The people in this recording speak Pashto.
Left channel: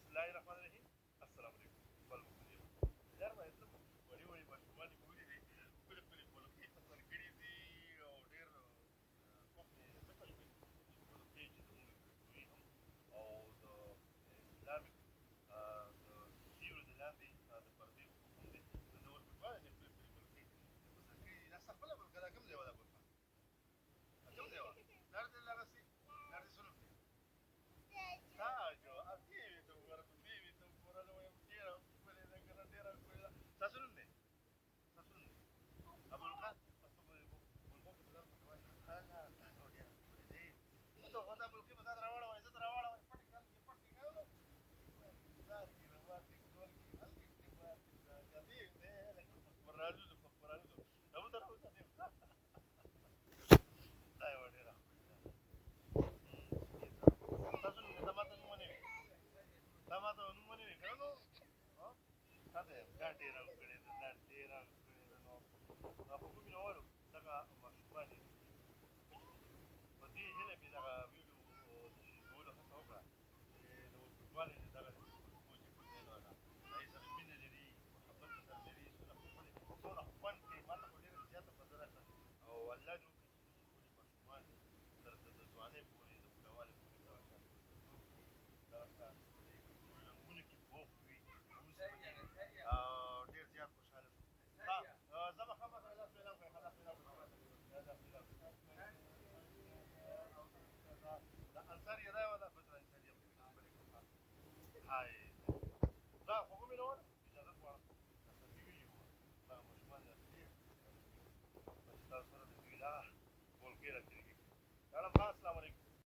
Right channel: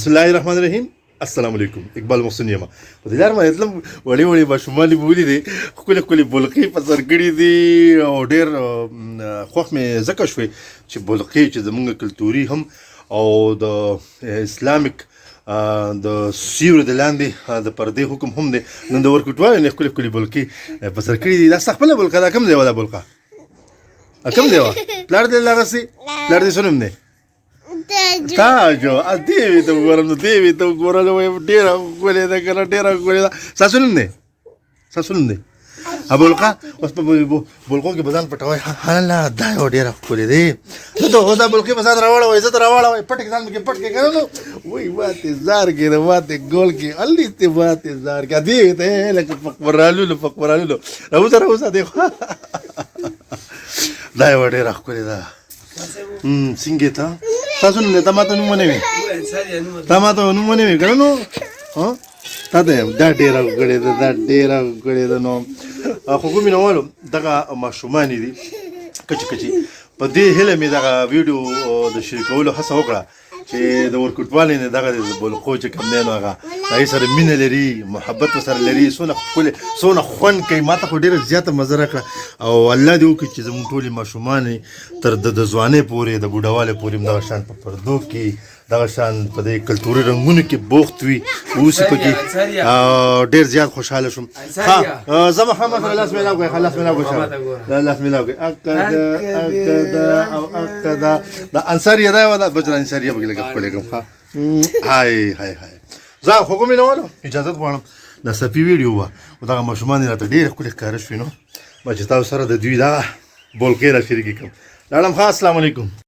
بسم الله الرحمن الرحیم. السلام علیکم. اقبال محسن یم. په دې لار باندې تلم وړې وړې ماشومان بولي دي ښکلې ښکلې بولقې په سر کړي دي او ډېر خوښ مې ځکه شوې چې بولقې چې زمونږ کلتوري هم او د اسلامیک د سیوري د لاندې د پردې حکم هم دی. نن د ورکوټوالو نه ښکلې ښکلې بولقې په سر کړي دي. دا ستا خپله بولقه ده؟ کوم ځای وه دا بولقه؟ کوم ځای وه؟ پلار دې دغسې پلار دې څه نوم دی؟ تاجو دیوی ته وګورم نو دیوی ته وګورم نو ډېره ښکلې ده که نه ډېره ښکلې ده. ستاسو نوم دی؟ ستاسو نوم دی؟ بولقه اوس په بولقو کې به ځان پټوئ. هله دا یو ډېره ښکلې دی. اوس دا بولقې به ځان راواړوئ زه ته راواړوئ پټ کې ځان پکې پټ کې که نه نو وایي ماتې زار کې د ماتې ګول کې هلته ماتې زار کې دیوی ته لکه فقورالولو فقورالولو راوځه راوځه دی دا یوه ډېره ښکلې ده. څنګه ته تاسو نوم دی؟ تا ما ته نوم ونه وي تا ما ته نوم ونه وي که نه نو تا ته یم. دا ډېره ښکلې ده دا ډېره ښکلې ده. نو خو کومې نوالو دغه ماشومانې دي کچې کچې په دې هیله مې دغه ویډیو د شریکولو هڅه وکړه چې د ورکوټوالې نه دغه د بولقو چې کوم دی نو هغه هغې سره مینه لري محبت ورسره لري څونه ښکلې څونه خوند کوي. ما ته خو ډېره زیاته مزه راکړه او الله دې وکړي چې زموږ ټولې ماشومانې تر د ځوانۍ پورې د بوډاوالۍ پورې هم دغه شان په پردو کې دغه شان په دې کلتوري رنګونو کې بوخت وي اوسي پکې. ډېر زیات خوشحاله شوم. ښه زه محمد سره لاس میلاو کړئ. ښه لاس میلاو کړئ لاس میلاو کړئ. اکده او اکده دا انصاریه دا یوه ده بجره انصاریه پکې لږه ښکلې کړم. ښه هاي هاي هاي زه خو کومې نوالو اجازت غواړم. دا صفي ویډیو وه خو دغه ماشومان یې راته ډېرې ښکلې ښکاره شوې نو ما چې تاسو سره د دوی دغه بولقې را شریکې کړم. لاړم. ښه السلام علیکم.